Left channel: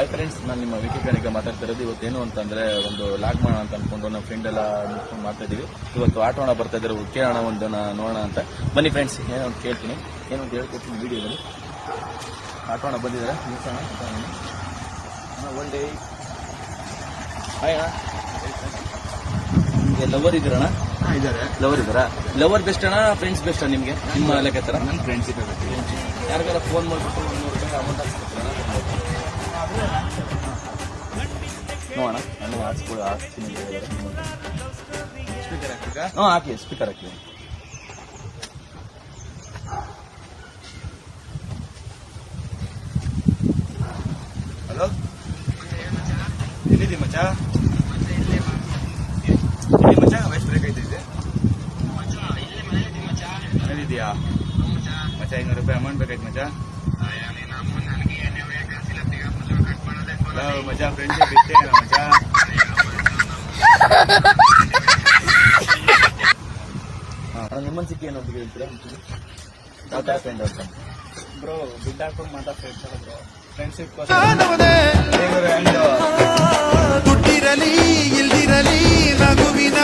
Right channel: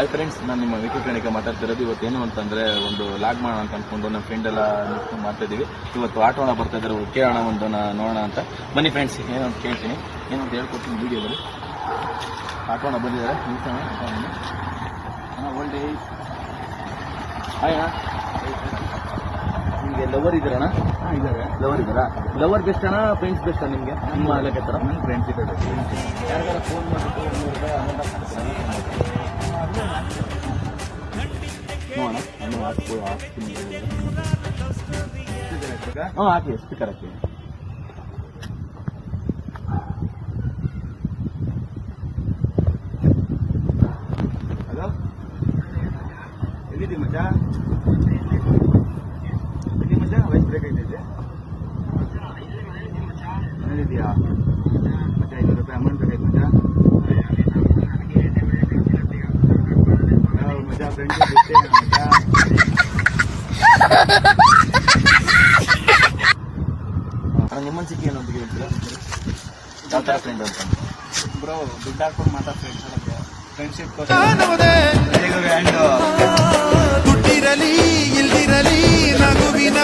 Hi friends, ನಾನು ನಿಮ್ಮ YouTube ಚಾನಲ್ಗೆ ಮಾತಾಡ್ತಿರೋದು. ಇವತ್ತೇನು ಅಂತಂದರೆ ಒಂದು ಲಾಗ್ ಮಾಡೋಣ ಅಂತ ಅಂದ್ಕೊಂಡು ನಮ್ಮ ಫ್ರೆಂಡ್ ಎಲ್ಲ ನಿಂತ್ಕೊಂಡು ಮಾಡ್ತಾಯಿದ್ದೀವಿ. ಇವತ್ತು ಆಟೋಣ ಬರ್ತಾ ಇದ್ದಾರೆ, ಕೇಳೋಣ ಒಂದು ನೋಡೋಣ ಅಂತ. ಬನ್ನಿ ಫ್ರೆಂಡ್ಸ್, ಏನೋ ಅಂತ ಕೇಳ್ತೀನಿ, ಏನು ಅಂತ ಹೇಳ್ಕೊಡ್ತೀನಿ ವೀಡಿಯೋದಲ್ಲಿ. ಆಟೋಣ ಬಂದಿದ್ದಾರೆ, ನಿಲ್ಸೋಣ. ಒಳ್ಳೆ ಹಾಯ್ ಅಣ್ಣ, ನಿಮಗೆ ಲವರ್ ಇದ್ದೀರಣ್ಣ? ಇದ್ದಾರೆ. ಲವರ್ ಇದ್ದಾರಾ? ಲವರ್ ಬೆಸ್ಟ್ ಅಣ್ಣ, ಫ್ರೆಂಡ್ಸ್ ಬೆಸ್ಟ್ ನಿಮಗೆ? ನಿಮ್ಮ ಲೆಕ್ಕ ನನ್ನ ಫ್ರೆಂಡ್ಸ್ ಇದ್ದಾರೆ. ಯಾರಿಗಾರ ಫೋನ್ ಮಾಡಿಬಿಟ್ಟು 100 ರೂಪಾಯಿ ಅಮೌಂಟ್ ನೋಡೋಣ. ನಾನು ಹಾಕ್ತೀನಿ. ಹಾಂ, ಹಾಕಿ, ಸ್ಪೀಕರ್ ಹಾಕಿ. ಹಲೋ, ಎಲ್ಲಿದ್ದೀವಿ ಮಚ್ಚ? ಮಚ್ಚ ವಯಸ್ಸು ಬ್ರೇಕ್ ಐತಿದೆ. ಎಲ್ಲಿದ್ದೀಯಾ ಮಚ್ಚ? 500 ರೂಪಾಯಿ ಅಮೌಂಟ್ ಬೇಕಾಯ್ತು ಮಚ್ಚ. ಮಚ್ಚ ಫ್ರೆಂಡ್ಸ್ ಮಚ್ಚ. ನಿಮ್ಮನ್ನು ಸಿಕ್ಕಿ ಏನಂತ ಹೇಳ್ತೀರಾ? ಯಾವ ಥರ ಫ್ರೆಂಡ್ ಅಂತ? ಬ್ರೋ, ದುಡ್ಡು ಹಾಕೊಂಡು ಮಾತಾ ಫ್ರೆಂಡ್ಶಿಪ್ ದುಡ್ಡಿರಲಿ ಇಲ್ದಿರಲಿ ನಗುವಿನ